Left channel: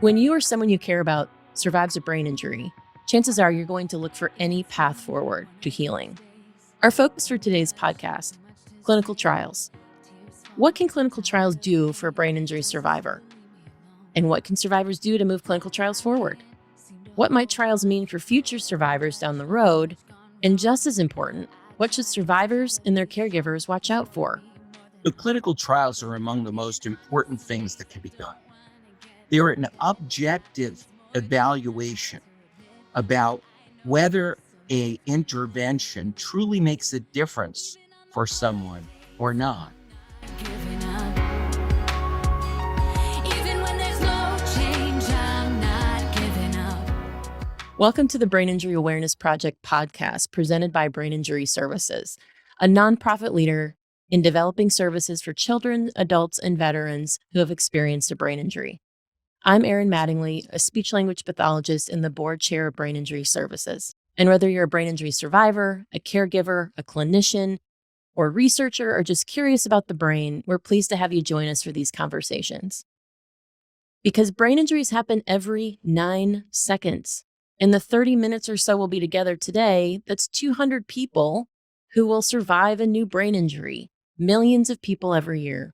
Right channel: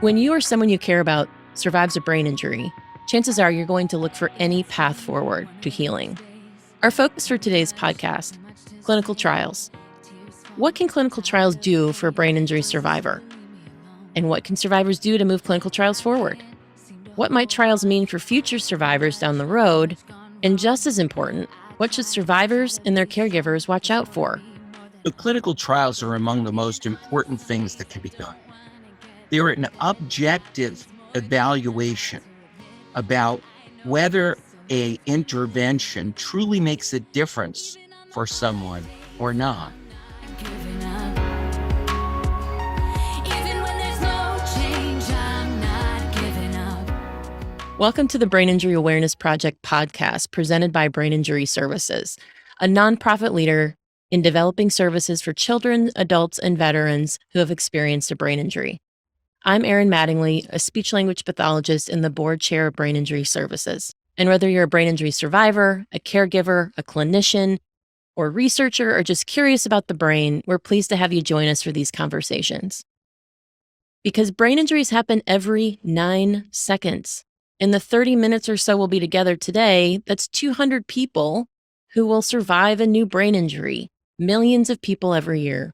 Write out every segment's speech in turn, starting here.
When you or someone you care about survives a brain injury, chances are you're going to look for any path forward to healing. Our focus for today's podcast, clinical trials. What can clinical trials do for a brain injury survivor? And what can survivors do to move clinical trials forward? What might trials mean for future survivors down the road? And just as important, what should survivors and their caregivers watch out for? The clinical trials are among the most important things that can be done. They're an objective evaluation about whether a intervention truly makes a difference for someone or not. Giving up. Even when there's no change, I'm not giving up. Welcome to the Brain Injury Awareness Project podcast presented by Brain Injury Services, a nonprofit leader in developing services for children, adults, and veterans who have experienced a brain injury. I'm Erin Mattingly, a speech language pathologist and the board chair of Brain Injury Services. And whether you're a brain injury survivor, a caregiver, a clinician, or researcher, or just curious about the brain, we're pleased to have you join us for these conversations. Because brain injuries happen every 9 seconds. In the 30 minutes or so we'll be together today, that's 200 people who will survive a new brain injury, millions of people every year.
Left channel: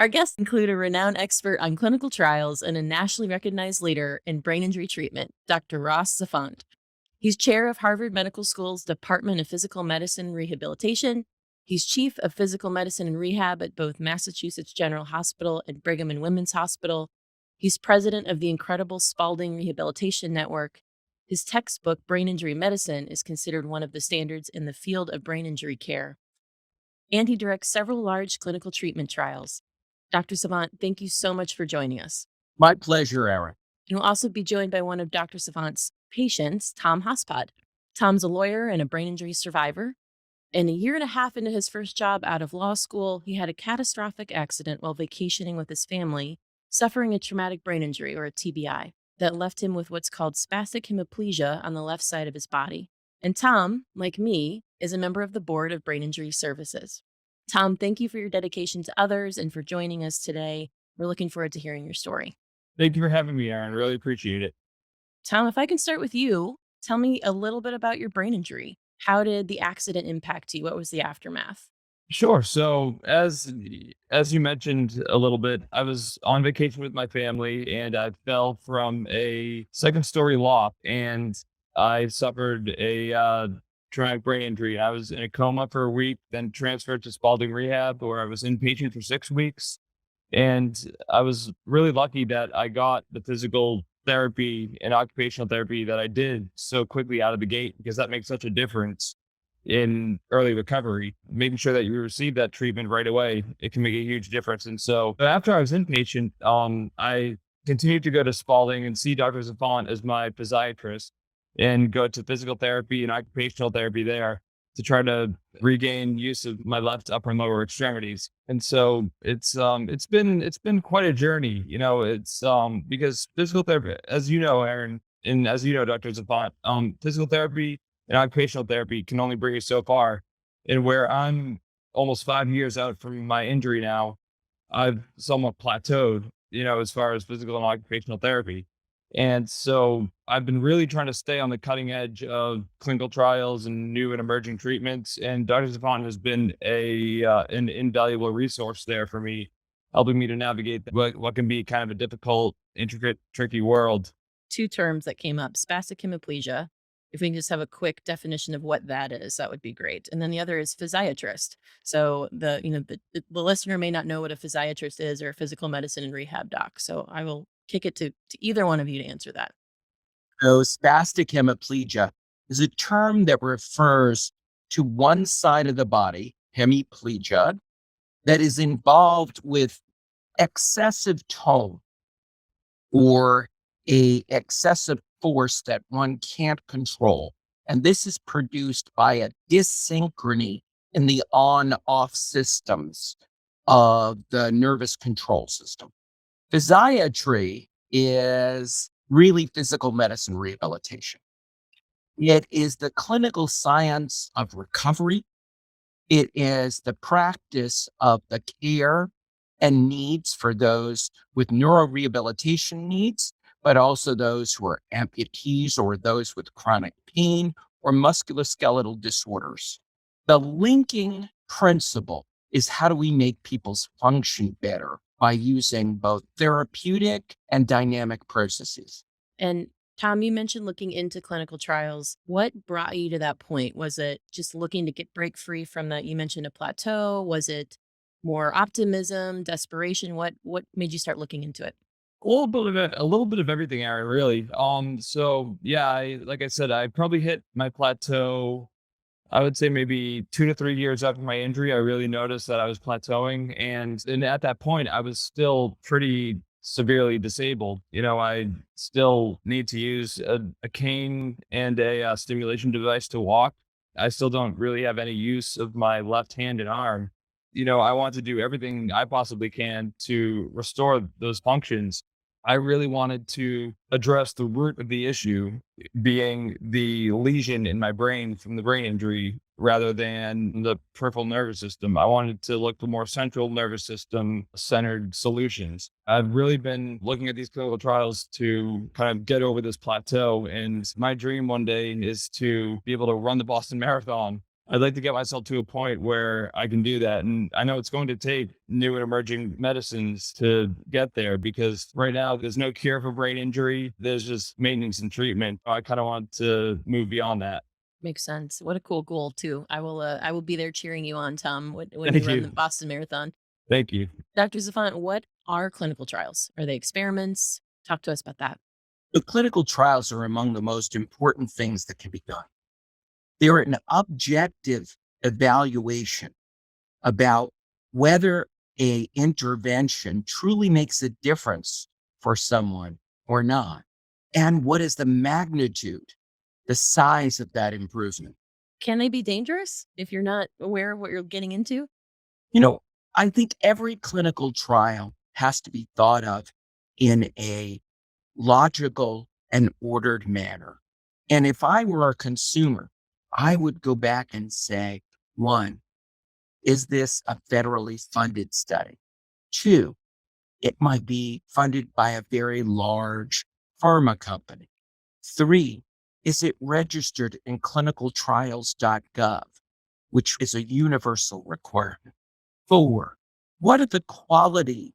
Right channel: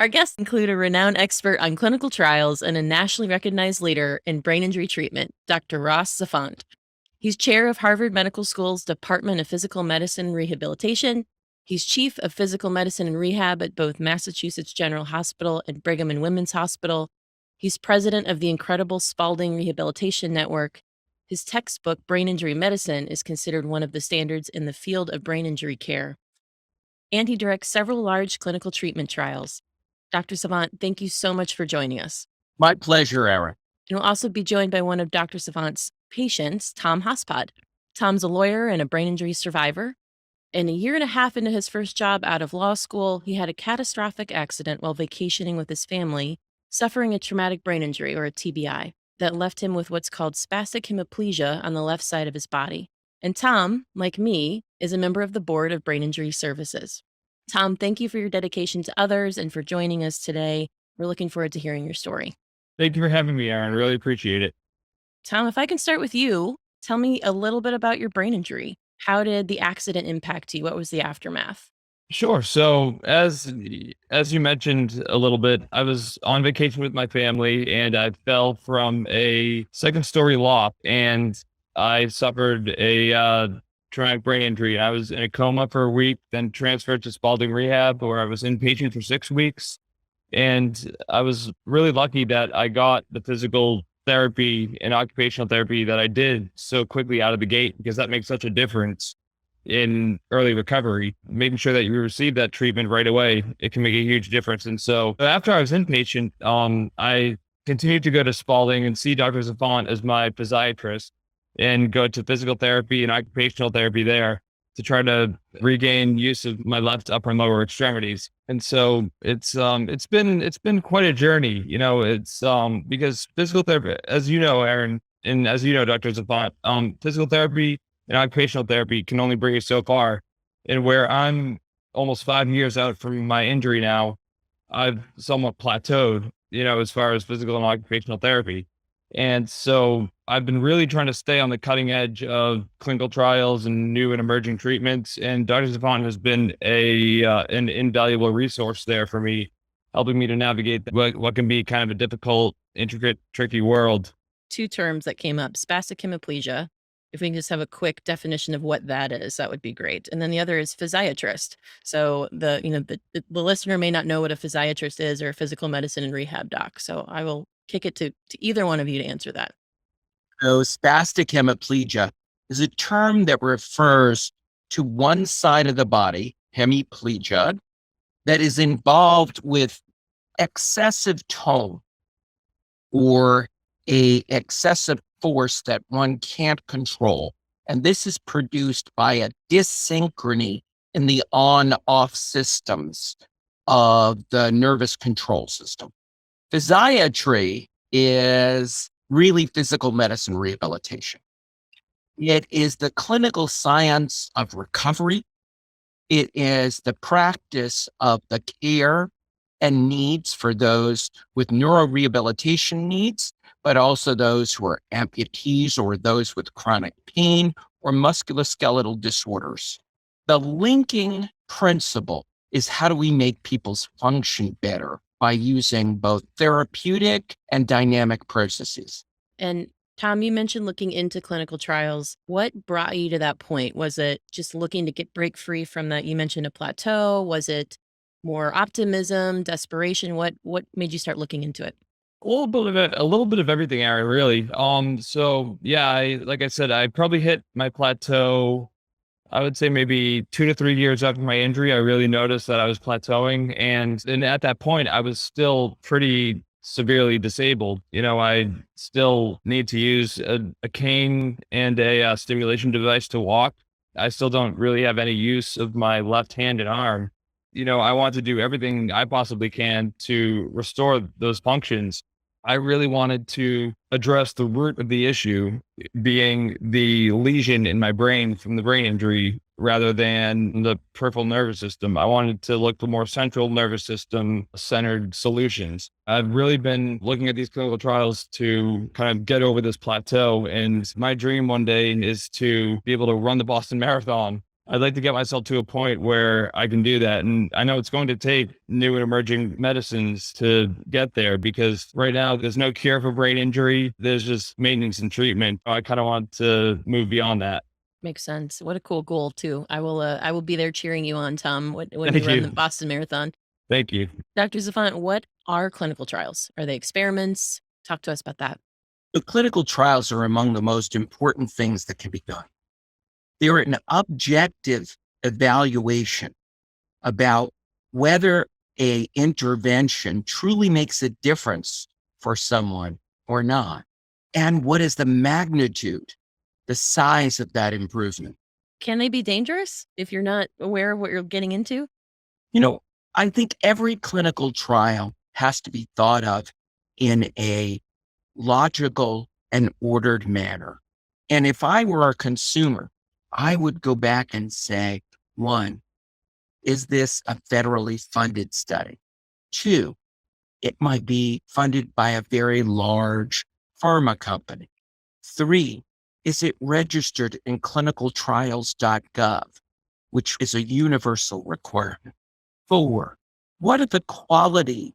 Our guests include a renowned expert on clinical trials and a nationally recognized leader in brain injury treatment, Dr. Ross Zafonte. He's chair of Harvard Medical School's Department of Physical Medicine and Rehabilitation. He's chief of physical medicine and rehab at both Massachusetts General Hospital and Brigham and Women's Hospital. He's president of the incredible Spaulding Rehabilitation Network. His textbook, Brain Injury Medicine, is considered one of the standards in the field of brain injury care. And he directs several large clinical treatment trials. Dr. Savant, thank you so much for joining us. My pleasure, Erin. And we'll also be joined by one of Dr. Savant's patients, Tom Hospod. Tom's a lawyer and a brain injury survivor. And a year and a half into his first job out of law school, he had a catastrophic accident while vacationing with his family, suffering a traumatic brain injury, or a TBI, that left him with what's called spastic hemiplegia on the left side of his body. And Tom, like me, is a member of the board of Brain Injury Services. Tom, thank you for your dedication to others and for joining us today. We're looking forward to hearing your story. Thank you for having me, Aaron. Really appreciate it. Tom, if I can start with you, tell me a little bit about your brain injury. How did the accident impact you? What was the aftermath? Sure. So as you mentioned a little bit, I was on vacation with my family and I fell from a second story loft and I suffered a traumatic brain injury. I was in a coma for a week, then transferred to Spaulding Rehab where I was inpatient for 6 weeks. And I was really lucky that I got the physical therapy and occupational therapy that I did so quickly out of the gate, because that makes such a difference in early recovery. Making sure that you receive that treatment right away, it can make a huge difference. And so after I was inpatient, I continued to go to Spaulding and see Dr. Zafonte as my physiatrist and go to physical therapy and occupational therapy there to try to regain use of my left upper and lower extremities. And so it's been quite a journey, because physical therapy, as you know, Aaron, and as you know, Dr. Zafonte, physical therapy and occupational therapy can only bring you so far. And where I'm almost 5 years out from my injury now, I've somewhat plateaued, as far as physical and occupational therapy. And so I've been really trying to stay on the cutting edge of clinical trials and new and emerging treatments. And Dr. Zavon has been an invaluable resource there for me, helping me to navigate what can be kind of a difficult, intricate, tricky world. Two terms that came up, spastic hemiplegia. If we can just have a quick definition of what that is, that would be great. And then the other is physiatrist. So the listener may not know what a physiatrist is or a physical medicine and rehab doc. So I will kick it to either one of you to answer that. So, spastic hemiplegia is a term that refers to one side of the body, hemiplegia, that is involved with excessive tone or a excessive force that one can't control. And this is produced by a dyssynchrony in the on-off systems of the nervous control system. Physiatry is really physical medicine rehabilitation. It is the clinical science of recovery. It is the practice of the care and needs for those with neurorehabilitation needs, but also those who are amputees or those with chronic pain or musculoskeletal disorders. The linking principle is how do we make people's function better by using both therapeutic and dynamic processes. And Tom, you mentioned looking into clinical trials. What brought you to that point? Was it just looking to break free from that? You mentioned a plateau. Was it more optimism, desperation? What made you start looking into it? A little bit of everything, Aaron, really. So yeah, like I said, I probably hit my plateau. I would say maybe 2 to 3 years after my injury, I really noticed that I was plateauing, and at that point, I was still pretty severely disabled. I still need to use a cane and a, stimulation device to walk. I still don't really have any use of my left hand and arm. I want to do everything I possibly can to restore those functions. I really wanted to address the root of the issue being the lesion in my brain from the brain injury rather than the peripheral nervous system. I wanted to look for more central nervous system centered solutions. I've really been looking at these clinical trials to kind of get over this plateau. And my dream one day is to be able to run the Boston Marathon. I'd like to get myself to a point where I can do that. And I know it's going to take new and emerging medicines to get there because right now there's no cure for brain injury. There's just maintenance and treatment. I kind of want to move beyond that. Makes sense. What a cool goal too. I will be there cheering you on, Tom, when you Thank run the you. Boston Marathon. Thank you. Dr. Zafonte, what are clinical trials? Are they experiments? Talk to us about that. The clinical trials are among the most important things that can be done. They're an objective evaluation about whether a intervention truly makes a difference for someone or not. And what is the magnitude, the size of that improvement? Can they be dangerous if you're not aware of what you're getting into? You know, I think every clinical trial has to be thought of in a logical and ordered manner. And if I were a consumer, I would go back and say, one, is this a federally funded study? Two, it might be funded by a very large pharma company. Three, is it registered in clinicaltrials.gov, which is a universal requirement? Four, what are the quality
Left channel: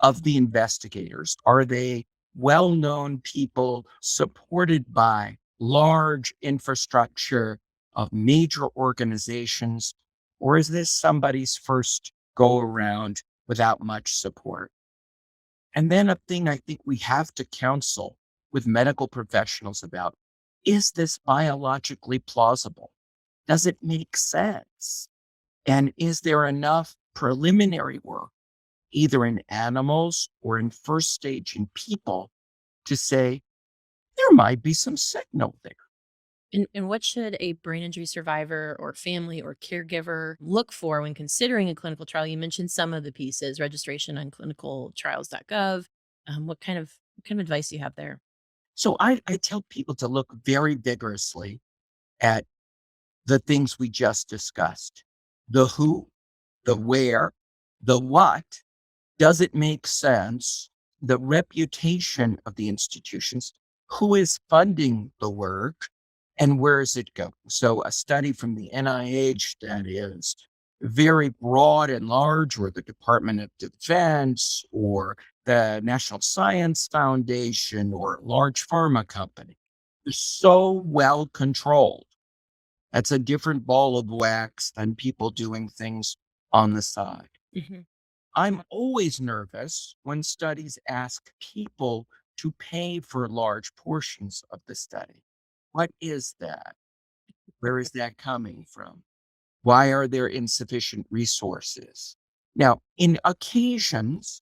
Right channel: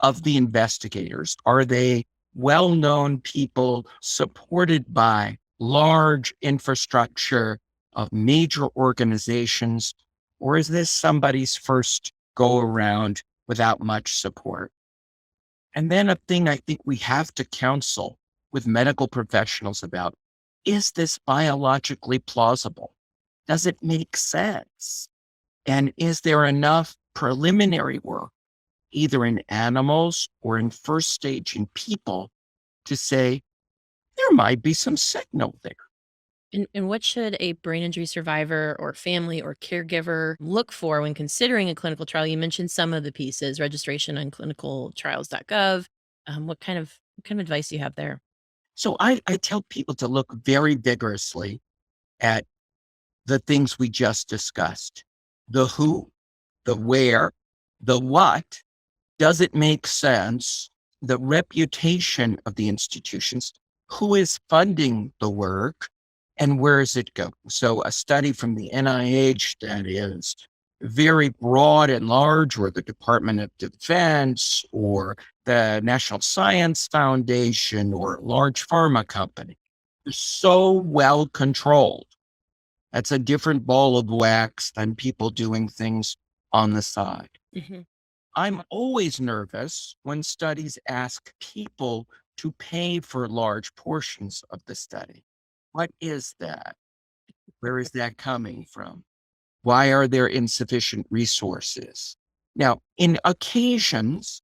of the investigators? Are they well-known people supported by large infrastructure of major organizations? Or is this somebody's first go around without much support? And then a thing I think we have to counsel with medical professionals about, is this biologically plausible? Does it make sense? And is there enough preliminary work, either in animals or in first stage in people, to say there might be some signal there? And what should a brain injury survivor or family or caregiver look for when considering a clinical trial? You mentioned some of the pieces, registration on clinicaltrials.gov. What kind of advice do you have there? So I tell people to look very vigorously at the things we just discussed: the who, the where, the what. Does it make sense? The reputation of the institutions, who is funding the work, and where is it going? So a study from the NIH that is very broad and large, or the Department of Defense, or the National Science Foundation, or a large pharma company, is so well controlled. That's a different ball of wax than people doing things on the side. Mhm. I'm always nervous when studies ask people to pay for large portions of the study. What is that? Where is that coming from? Why are there insufficient resources? Now, on occasions,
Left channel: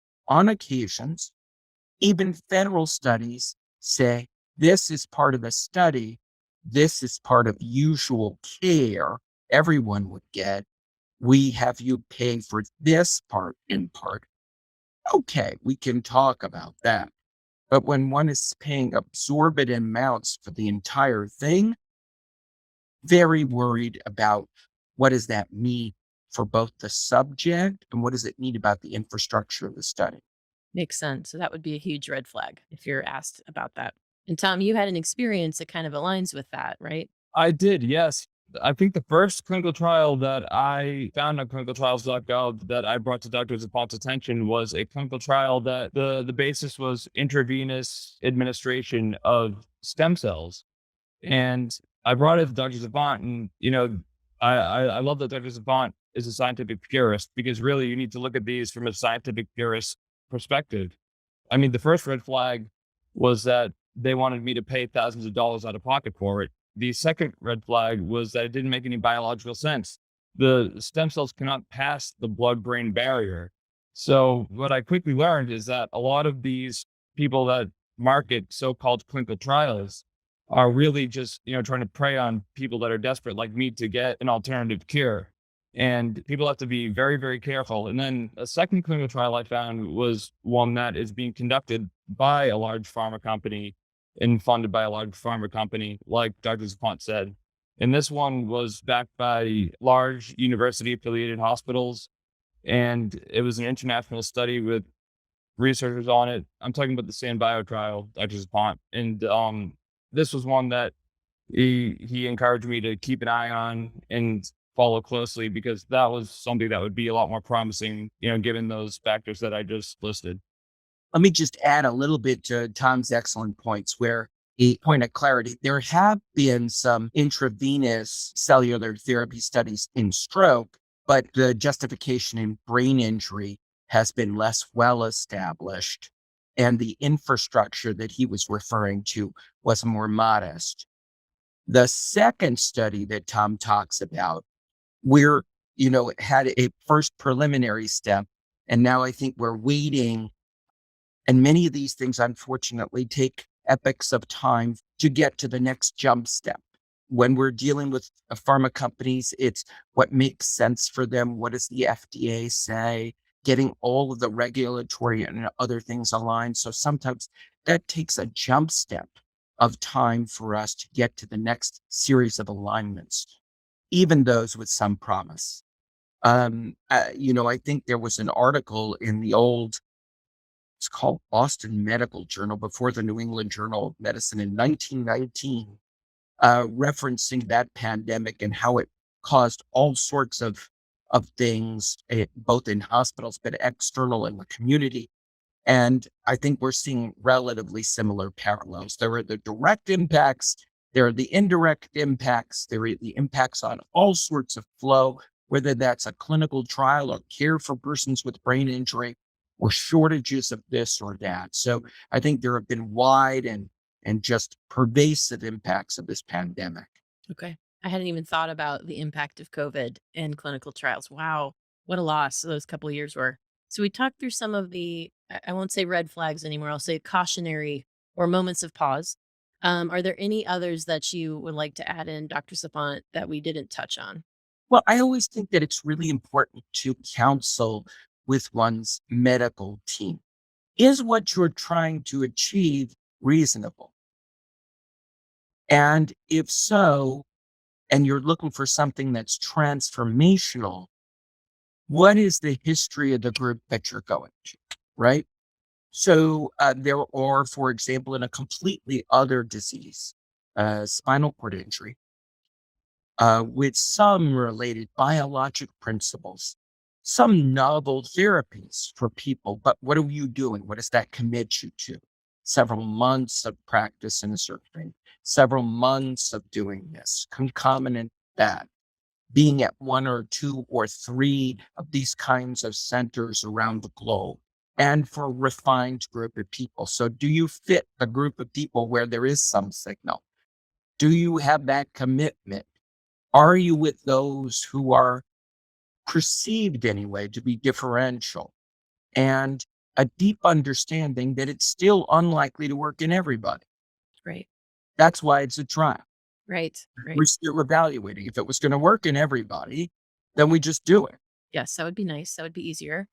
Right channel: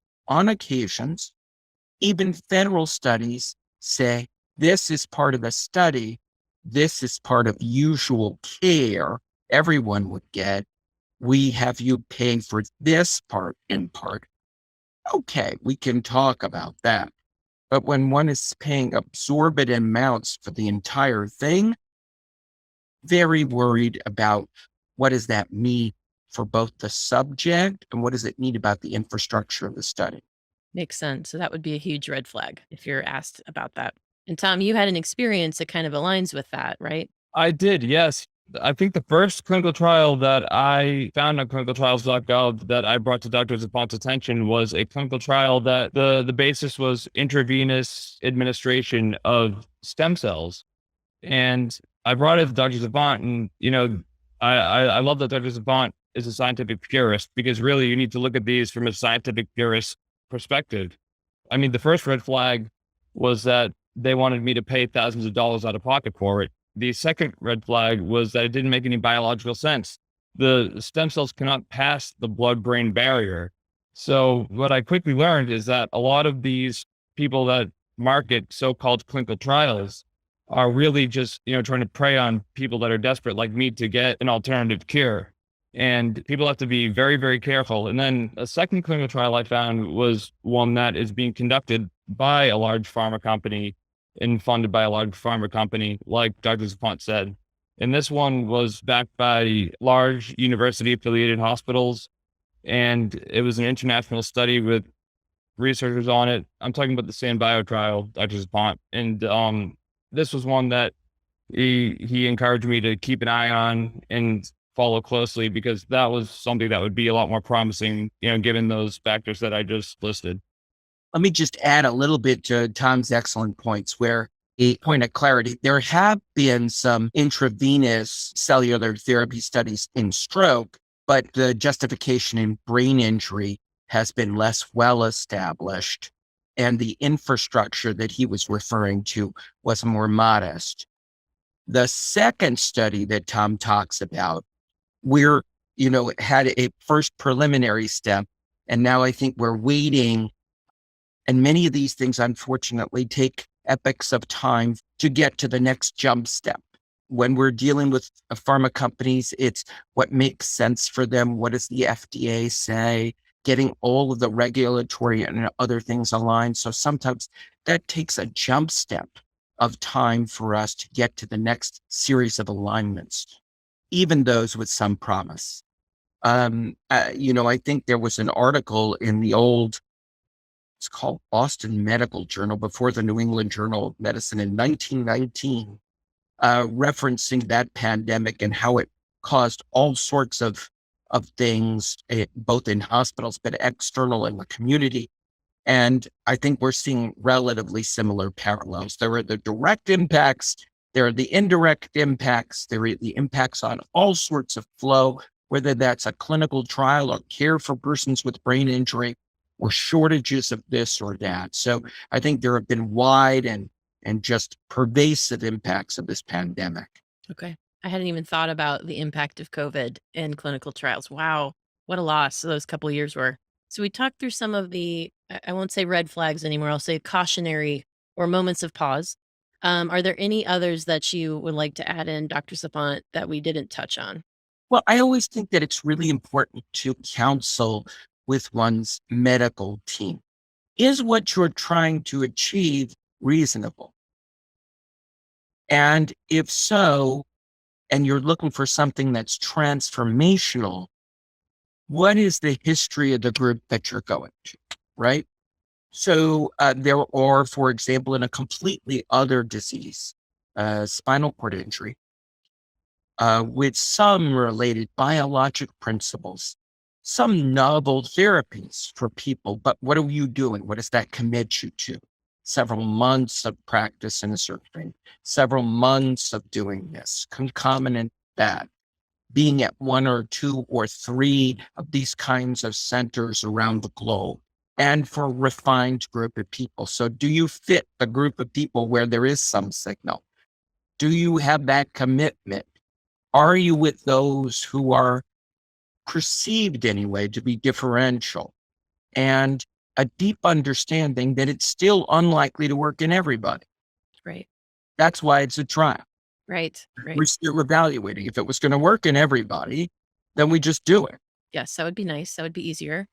even federal studies say this is part of the study, this is part of usual care everyone would get. We have you pay for this part in part. Okay, we can talk about that. But when one is paying absorbent amounts for the entire thing, very worried about what does that mean for both the subject and what does it need about the infrastructure of the study? Makes sense. So that would be a huge red flag if you're asked about that. And Tom, you had an experience that kind of aligns with that, right? I did, yes. I think the first clinical trial that I found on clinicaltrials.gov that I brought to Dr. Zafonte's attention was a clinical trial that the basis was intravenous administration of stem cells. And I brought it to Dr. Zavont, and I love that Dr. Zavont is a scientific purist because really you need to look at these from a scientific purist perspective. I mean, the first red flag was that they wanted me to pay thousands of dollars out of pocket for it. The second red flag was that it didn't make any biological sense. The stem cells cannot pass the blood brain barrier. So, what I quickly learned is that a lot of these people that market so called clinical trials are really just, trying to prey on people that are desperate like me to get an alternative cure. And people have to be very, very careful. And then a second clinical trial I found was one that is being conducted by a large pharma company and funded by a large pharma company, like Dr. Zapont said. And this one was backed by large university affiliated hospitals. And it was an international study with researchers on it. I'm talking about the SanBio trial, Dr. Zapont. And this was one that he encouraged me to keep an eye on and follow closely because that was something that would be a lot more promising, given those factors that I just listed. Let me just add a little bit to Tom's excellent points where a point of clarity. There have been some intravenous cellular therapy studies in stroke, but the justification in brain injury has been less well established. And the infrastructure that he was referring to was more modest. The second study that Tom talks about, we're, had a first preliminary step. And now I think we're waiting, and many of these things, unfortunately, take epochs of time to get to the next jump step. When we're dealing with pharma companies, it's what makes sense for them. What does the FDA say? Getting all of the regulatory and other things aligned. So sometimes that takes a jump step of time for us to get to the next series of alignments, even those with some promise. I think there was an article in the old, it's called Boston Medical Journal before the New England Journal of Medicine in 1919, referencing that pandemic and how it caused all sorts of things, both in hospitals, but external in the community. And I think we're seeing relatively similar parallels. There are the direct impacts, there are the indirect impacts, there are the impacts on all sorts of flow, whether that's a clinical trial or care for persons with brain injury or shortages of this or that. So I think there have been wide and just pervasive impacts of this pandemic. Okay. I hadn't even thought about the impact of COVID in clinical trials. Wow. What a loss those couple of years were. So we talked through some of the, I won't say red flags anymore. I'll say cautionary or moments of pause. Are there any others that you would like to add in, Dr. Sapant, that we didn't touch on? Well, I always think that it's really important to counsel with one's medical team. Is what you're trying to achieve reasonable? And if so, and you're looking for something that's transformational, what is the history of the group that you're going to, right? So there are, for example, in a completely other disease, spinal cord injury, with some related biologic principles, some novel therapies for people. But what are you doing? What does that commit you to? Several months of practice in a certain, several months of doing this, concomitant that, being at one or two or three of these kinds of centers around the globe, and for a refined group of people. So do you fit a group of people where there is some signal? Do you have that commitment? Are you with those who are perceived anyway to be differential and a deep understanding that it's still unlikely to work in everybody? Right. That's why it's a trial. Right. Right. We're still evaluating. If it was going to work in everybody, then we just do it. Yes, that would be nice. That would be easier.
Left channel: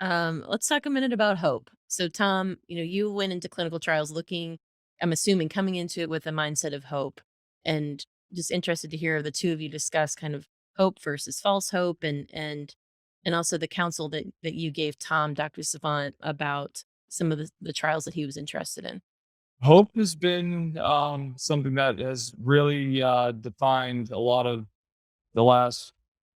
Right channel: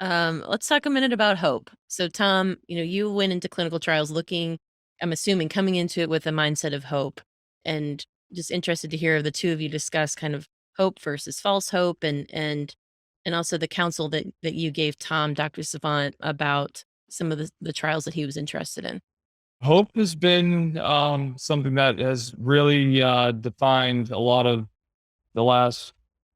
Let's talk a minute about hope. So, Tom, you went into clinical trials looking, I'm assuming, coming into it with a mindset of hope, and just interested to hear the two of you discuss kind of hope versus false hope, and also the counsel that you gave Tom, Dr. Savant, about some of the trials that he was interested in. Hope has been something that has really defined a lot of the last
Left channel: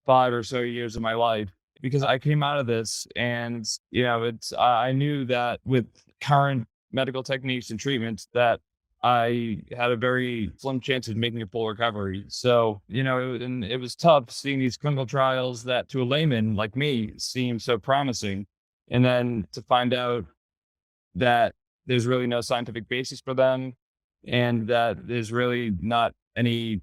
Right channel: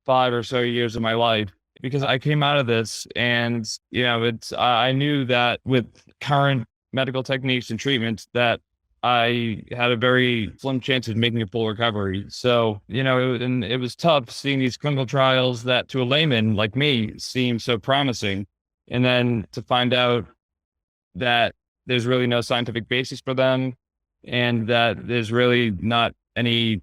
5 or so years of my life because I came out of this and, it's I knew that with current medical techniques and treatments that I had a very slim chance of making a full recovery. So, and it was tough seeing these clinical trials that to a layman like me seem so promising. And then to find out that there's really no scientific basis for them and that there's really not any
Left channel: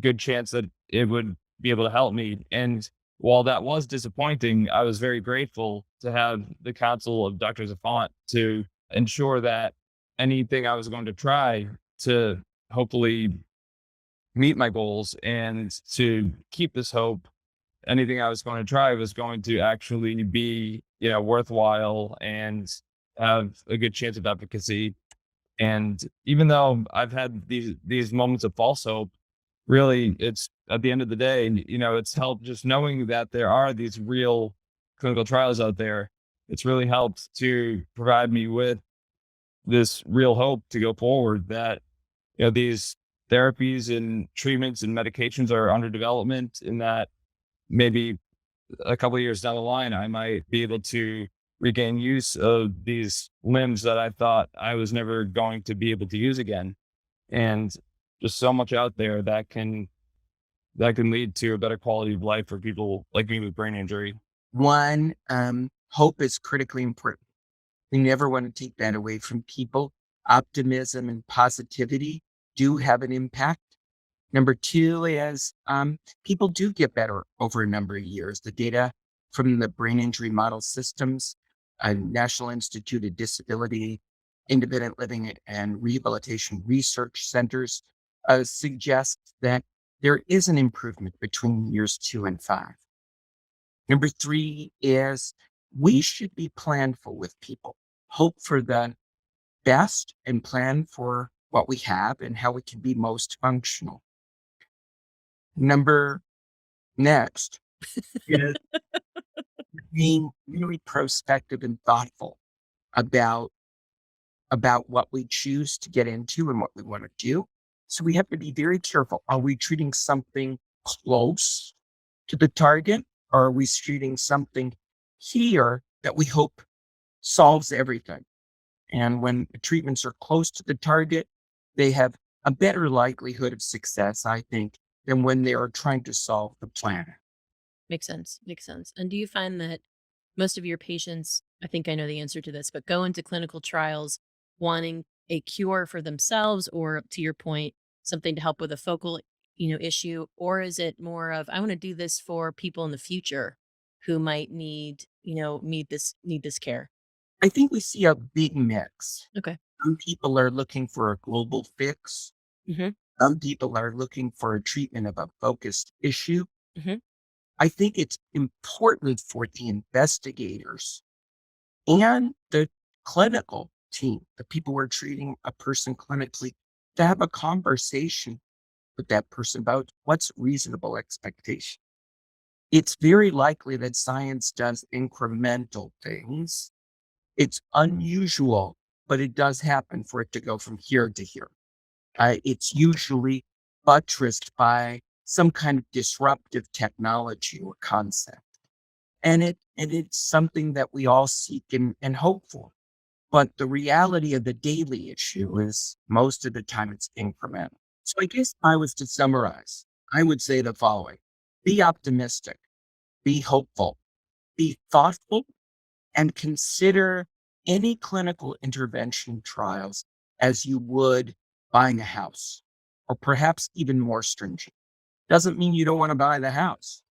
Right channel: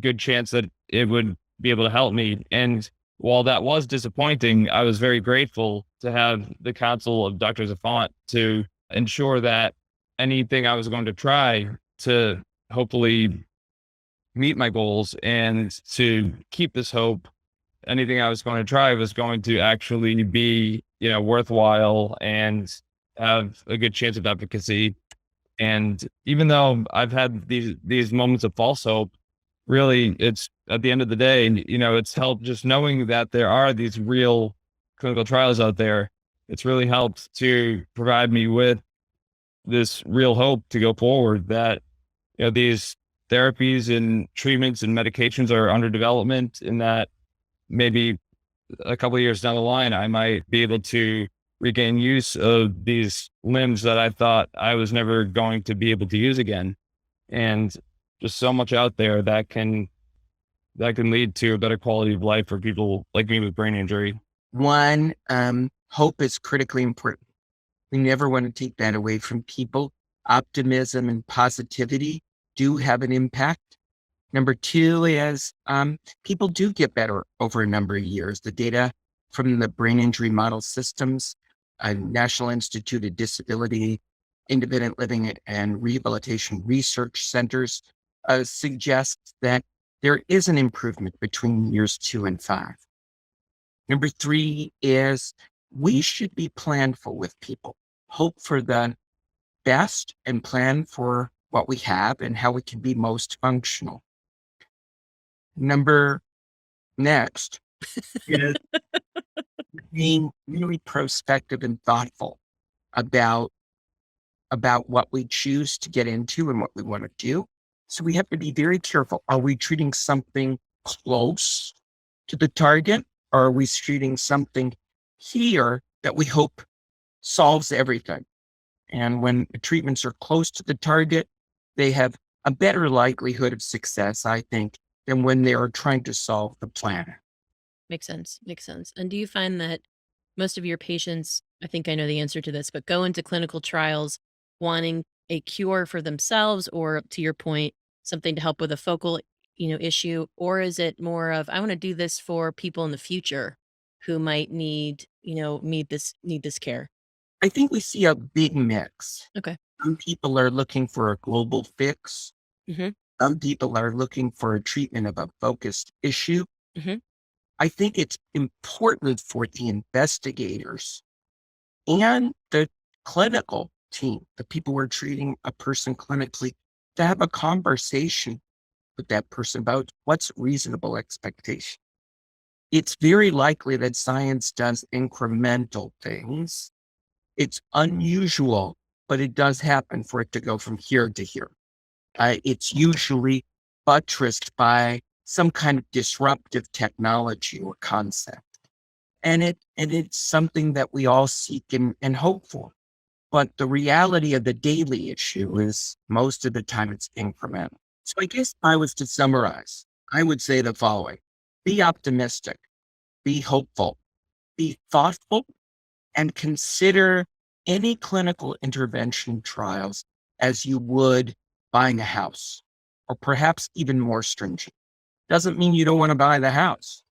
good chance that it would be able to help me. And while that was disappointing, I was very grateful to have the counsel of Dr. Zafonte to ensure that anything I was going to try to hopefully meet my goals and to keep this hope, anything I was going to try was going to actually be, worthwhile and have a good chance of efficacy. And even though I've had these moments of false hope, really it's at the end of the day, it's helped just knowing that there are these real clinical trials out there. It's really helped to provide me with this real hope to go forward that, these therapies and treatments and medications are under development and that maybe a couple of years down the line, I might be able to regain use of these limbs that I thought I was never going to be able to use again. And just so much out there that can lead to a better quality of life for people like me with brain injury. One, hope is critically important. We never want to take that away from people. Optimism and positivity do have an impact. Number two is people do get better over a number of years. The data from the brain injury model systems, National Institute of Disability, Independent Living and Rehabilitation Research Centers suggests that there is an improvement between years 2 and 5. Number three is we should be planful with people, hope for the best and plan for what we have and how we can be most functional. Number next is being really prospective and thoughtful about what we choose to get into and what we want to do. So we have to be very careful. Are we treating something close to the target, or are we treating something here that we hope solves everything? And when the treatments are close to the target, they have a better likelihood of success, I think, than when they are trying to solve the planet. Makes sense. Makes sense. And do you find that most of your patients, I think I know the answer to this, but go into clinical trials wanting a cure for themselves or, to your point, something to help with a focal, issue? Or is it more of, I want to do this for people in the future who might need this care? I think we see a big mix. Okay. Some people are looking for a global fix. Mm-hmm. Some people are looking for a treatment of a focused issue. Mm-hmm. I think it's important for the investigators and the clinical team, the people who are treating a person clinically, to have a conversation with that person about what's reasonable expectation. It's very likely that science does incremental things. It's unusual, but it does happen for it to go from here to here. It's usually buttressed by some kind of disruptive technology or concept. And it's something that we all seek and hope for. But the reality of the daily issue is most of the time it's incremental. So I guess if I was to summarize, I would say the following: be optimistic, be hopeful, be thoughtful, and consider any clinical intervention trials as you would buying a house, or perhaps even more stringent. Doesn't mean you don't want to buy the house.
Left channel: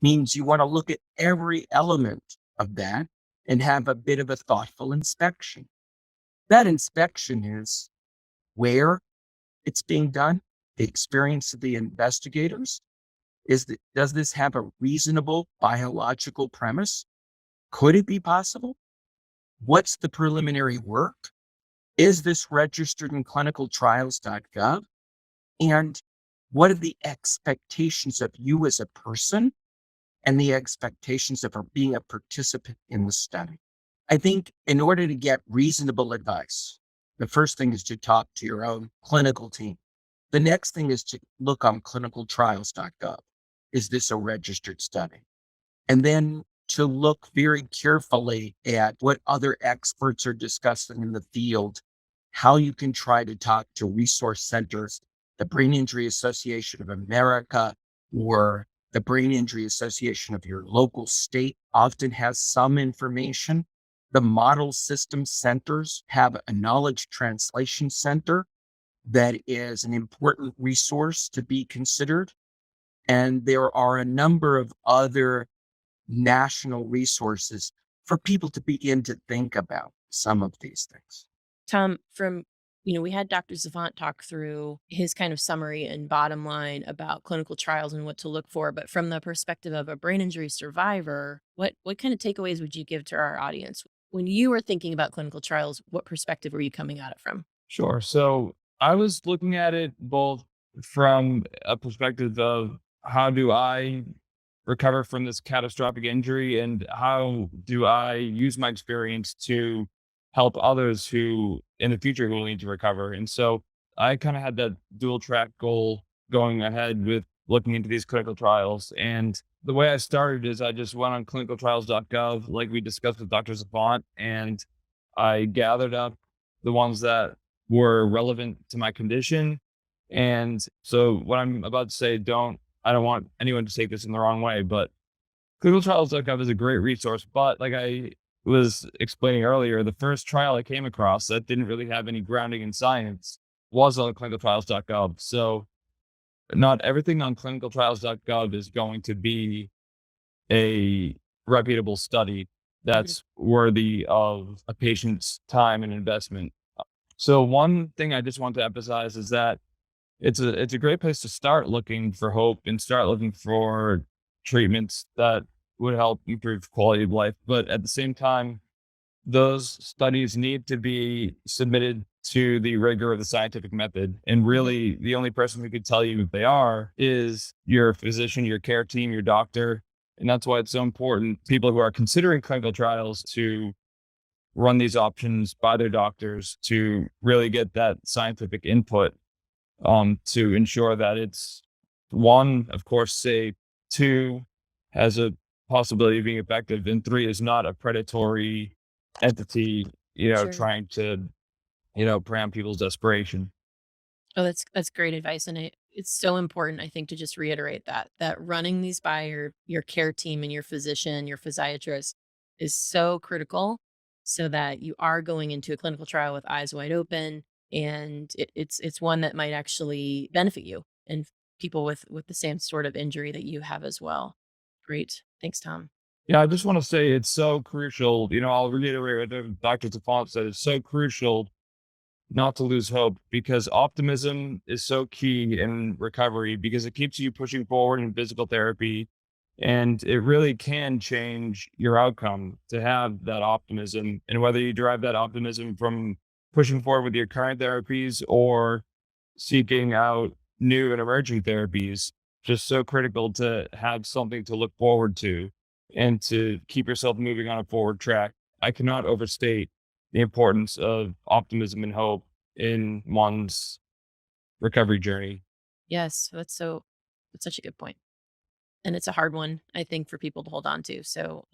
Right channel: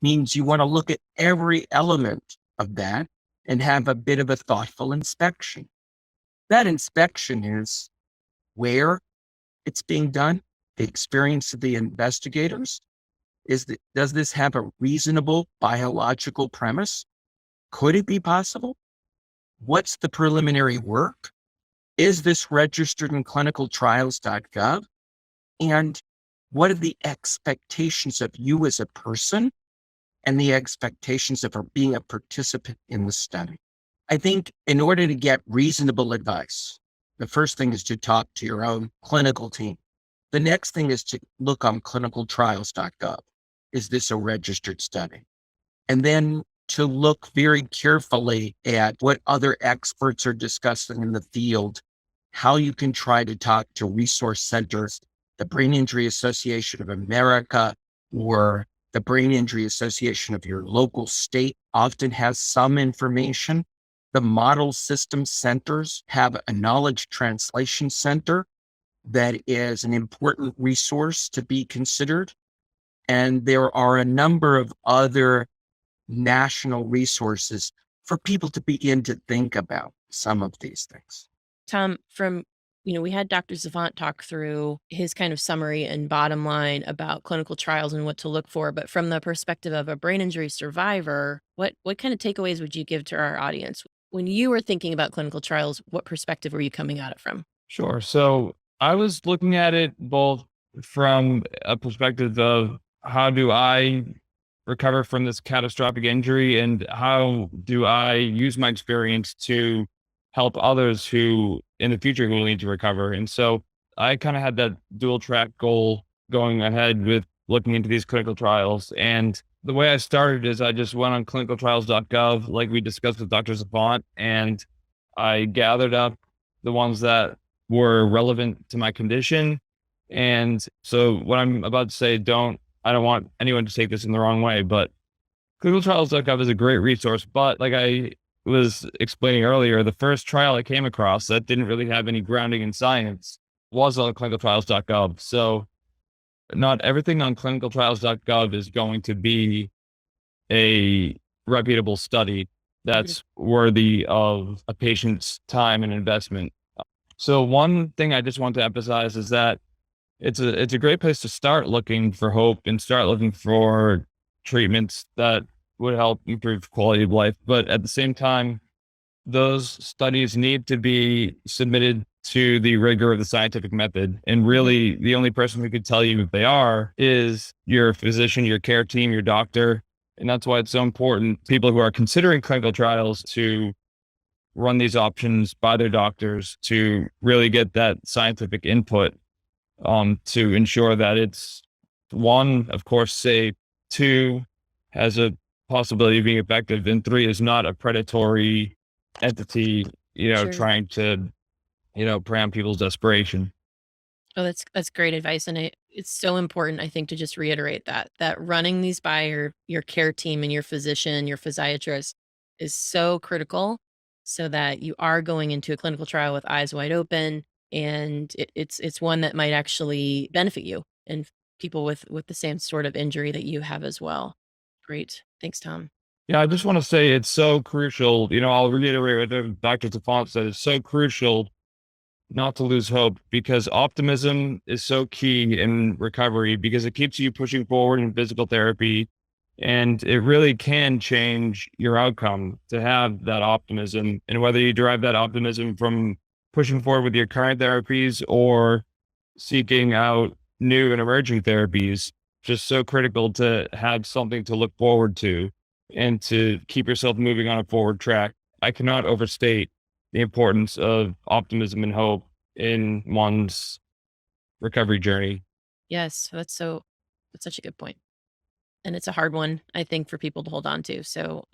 Means you want to look at every element of that and have a bit of a thoughtful inspection. That inspection is where it's being done, the experience of the investigators. Does this have a reasonable biological premise? Could it be possible? What's the preliminary work? Is this registered in clinicaltrials.gov? And What are the expectations of you as a person and the expectations of being a participant in the study? I think in order to get reasonable advice, the first thing is to talk to your own clinical team. The next thing is to look on clinicaltrials.gov. Is this a registered study? And then to look very carefully at what other experts are discussing in the field, how you can try to talk to resource centers, the Brain Injury Association of America, or the Brain Injury Association of your local state often has some information. The model system centers have a knowledge translation center that is an important resource to be considered. And there are a number of other national resources for people to begin to think about some of these things. Tom, we had Dr. Zafonte talk through his kind of summary and bottom line about clinical trials and what to look for, but from the perspective of a brain injury survivor, what kind of takeaways would you give to our audience? When you were thinking about clinical trials, what perspective were you coming at it from? Sure. So I was looking at it both from a perspective of how do I recover from this catastrophic injury and how do I use my experience to help others who in the future will need to recover. And so I kind of had that dual track goal going ahead with looking into these clinical trials. And the way I started is I just went on clinicaltrials.gov, like we discussed with Dr. Zafonte, and I gathered up the ones that were relevant to my condition. And so what I'm about to say, I don't want anyone to take this in the wrong way, but clinicaltrials.gov is a great resource. But like I was explaining earlier, the first trial I came across that didn't really have any grounding in science was on clinicaltrials.gov. So not everything on clinicaltrials.gov is going to be a reputable study Mhm. that's worthy of a patient's time and investment. So one thing I just want to emphasize is that it's a great place to start looking for hope and start looking for treatments that would help improve quality of life. But at the same time, those studies need to be submitted to the rigor of the scientific method. And Mhm. really, the only person who could tell you if they are is your physician, your care team, your doctor. And that's why it's so important, people who are considering clinical trials, to run these options by their doctors to really get that scientific input to ensure that it's one, of course, safe, two, has a possibility of being effective, and three, is not a predatory entity, Sure. trying to, prey on people's desperation. Oh, that's great advice, and it's so important, I think, to just reiterate that running these by your care team and your physician, your physiatrist is so critical, so that you are going into a clinical trial with eyes wide open, and it's one that might actually benefit you and people with the same sort of injury that you have as well. Great, thanks, Tom. Yeah, I just want to say it's so crucial. I'll reiterate what Dr. Tafont said. It's so crucial not to lose hope because optimism is so key in recovery because it keeps you pushing forward in physical therapy and it really can change your outcome to have that optimism. And whether you derive that optimism from pushing forward with your current therapies or seeking out new and emerging therapies, just so critical to have something to look forward to and to keep yourself moving on a forward track. I cannot overstate the importance of optimism and hope in one's recovery journey. Yes, that's such a good point. And it's a hard one, I think, for people to hold on to. So,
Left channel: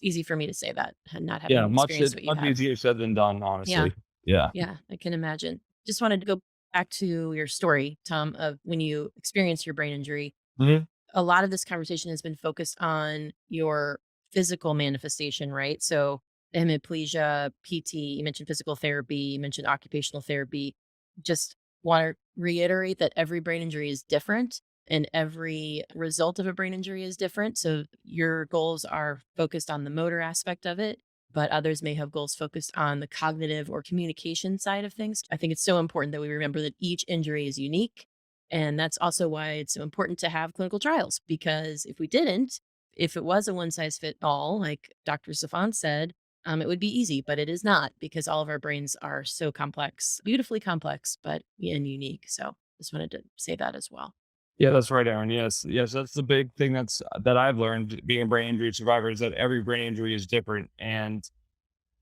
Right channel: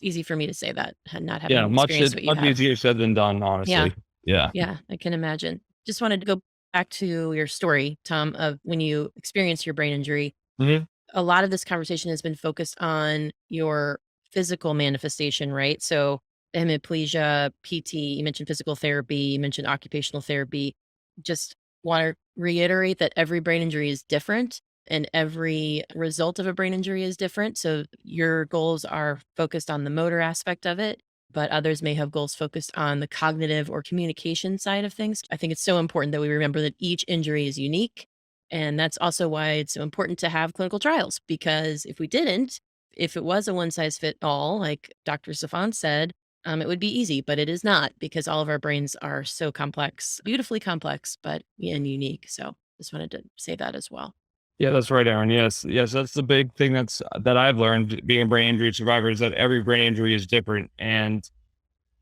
easy for me to say that, not Yeah, having experienced what you much have. easier said than done, Yeah, honestly. Yeah. yeah, I can imagine. Just wanted to go back to your story, Tom, of when you experienced your brain injury. Mhm. A lot of this conversation has been focused on your physical manifestation, right? So, hemiplegia, PT, you mentioned physical therapy, you mentioned occupational therapy. Just want to reiterate that every brain injury is different and every result of a brain injury is different. So, your goals are focused on the motor aspect of it, but others may have goals focused on the cognitive or communication side of things. I think it's so important that we remember that each injury is unique, and that's also why it's so important to have clinical trials, because if we didn't, if it was a one size fit all, like Dr. Safan said, it would be easy, but it is not because all of our brains are so complex, beautifully complex, but and unique. So just wanted to say that as well. Yeah, that's right, Aaron. Yes, yes, that's the big thing that I've learned being a brain injury survivor is that every brain injury is different, and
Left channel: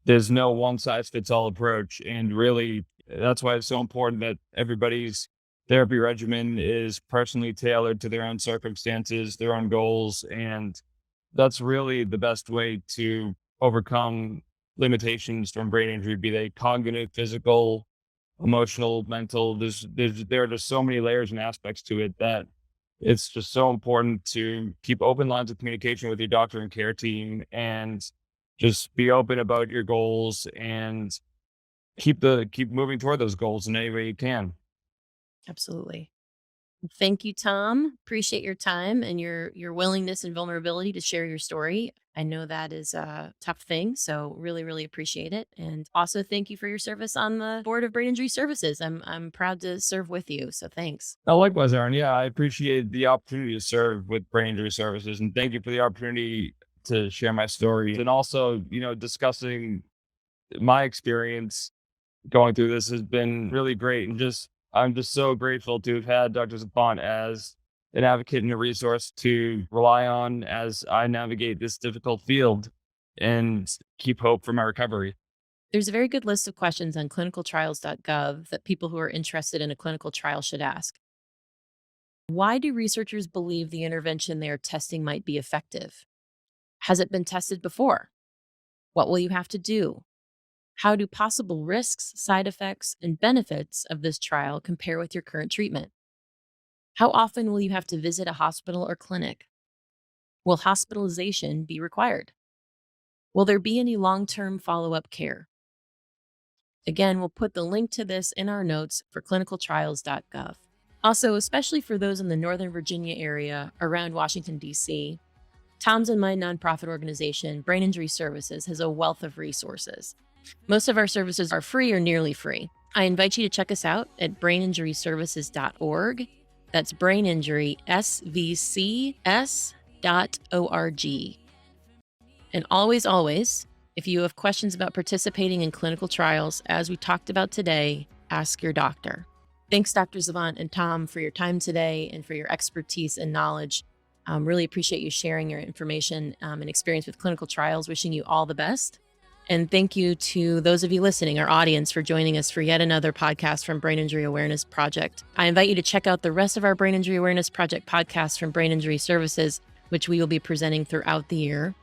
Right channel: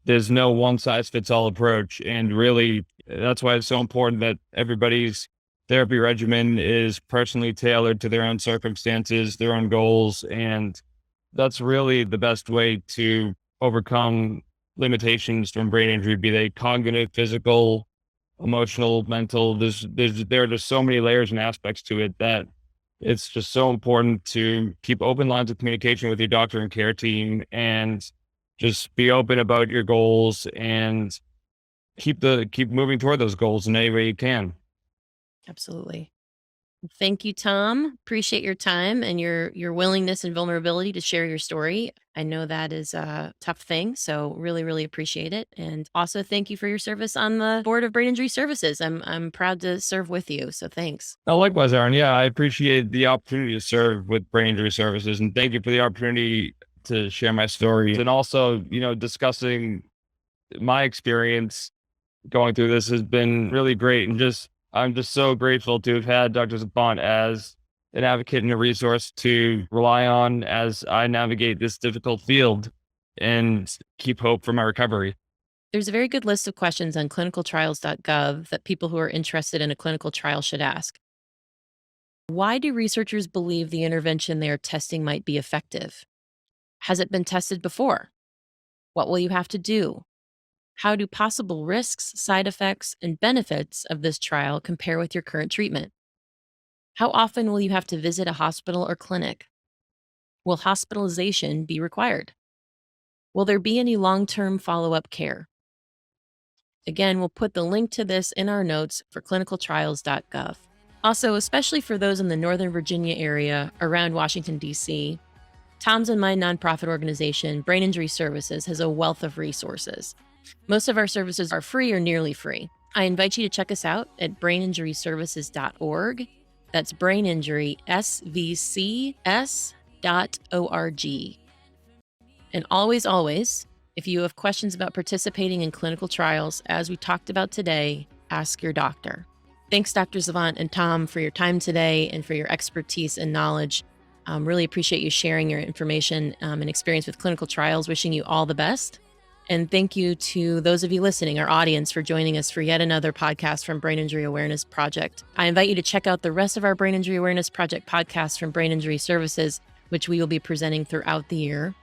there's no one size fits all approach. And really, that's why it's so important that everybody's therapy regimen is personally tailored to their own circumstances, their own goals, and that's really the best way to overcome limitations from brain injury, be they cognitive, physical, emotional, mental. There are just so many layers and aspects to it that it's just so important to keep open lines of communication with your doctor and care team and just be open about your goals and keep moving toward those goals in any way you can. Absolutely. Thank you, Tom. Appreciate your time and your willingness and vulnerability to share your story. I know that is a tough thing, so really, really appreciate it. And also thank you for your service on the board of Brain Injury Services. I'm proud to serve with you. So thanks. Oh, likewise, Aaron. Yeah, I appreciate the opportunity to serve with Brain Injury Services, and thank you for the opportunity to share my story and also, discussing my experience going through this has been really great. And I'm just so grateful to have had Dr. Zafonte as an advocate and a resource to rely on as I navigate this difficult field and keep hope for my recovery. There's a very good list of questions on clinicaltrials.gov that people who are interested in a clinical trial should ask. Why do researchers believe the intervention they are testing might be effective? Has it been tested before? What will you have to do? How do possible risks, side effects, and benefits of this trial compare with your current treatment? How often will you have to visit a hospital or clinic? Will hospitalization be required? Will there be any long term follow up care? Again, we'll put the link to this in our notes for clinicaltrials.gov. Also, especially for those in the Northern Virginia area around Washington, D.C., Tom's and my nonprofit organization, Brain Injury Services, has a wealth of resources. Most of our services are free or nearly free. I invite you to check us out at braininjuryservices.org. That's braininjurysvcs.org. And always, if you have questions about participating in clinical trials, as we talked about today, ask your doctor. Thanks, Dr. Zafonte and Tom, for your time today and for your expertise and knowledge. Really appreciate you sharing your information and experience with clinical trials. Wishing you all the best. And thank you to those of you listening, our audience, for joining us for yet another podcast from Brain Injury Awareness Project. I invite you to check out the rest of our Brain Injury Awareness Project podcasts from Brain Injury Services, which we will be presenting throughout the year.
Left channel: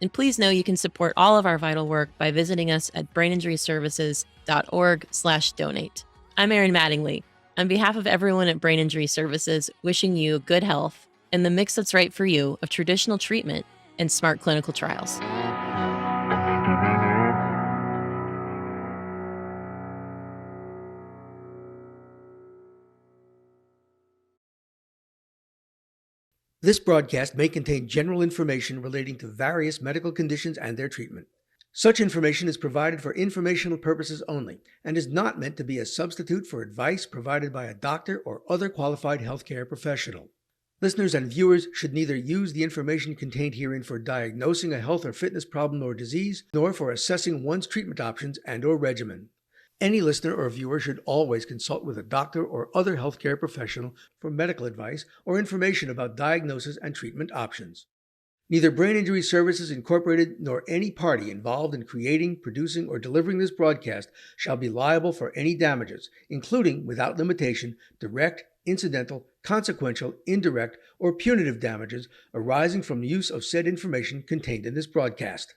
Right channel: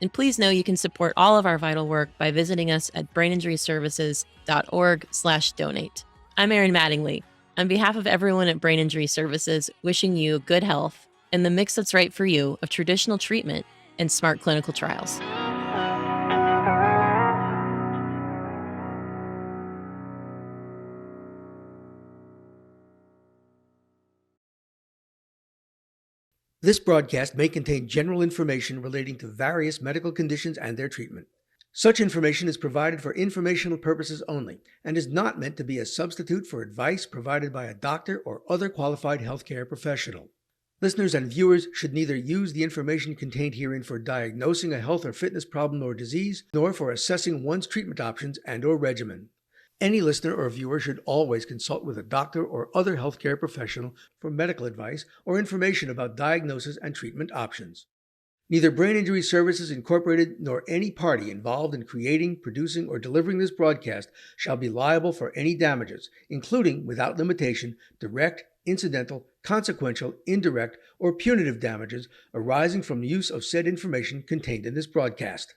And please know you can support all of our vital work by visiting us at braininjuryservices.org/donate. I'm Erin Mattingly. On behalf of everyone at Brain Injury Services, wishing you good health and the mix that's right for you of traditional treatment and smart clinical trials. This broadcast may contain general information relating to various medical conditions and their treatment. Such information is provided for informational purposes only and is not meant to be a substitute for advice provided by a doctor or other qualified healthcare professional. Listeners and viewers should neither use the information contained herein for diagnosing a health or fitness problem or disease, nor for assessing one's treatment options and/or regimen. Any listener or viewer should always consult with a doctor or other healthcare professional for medical advice or information about diagnosis and treatment options. Neither Brain Injury Services Incorporated nor any party involved in creating, producing, or delivering this broadcast shall be liable for any damages, including, without limitation, direct, incidental, consequential, indirect, or punitive damages arising from the use of said information contained in this broadcast.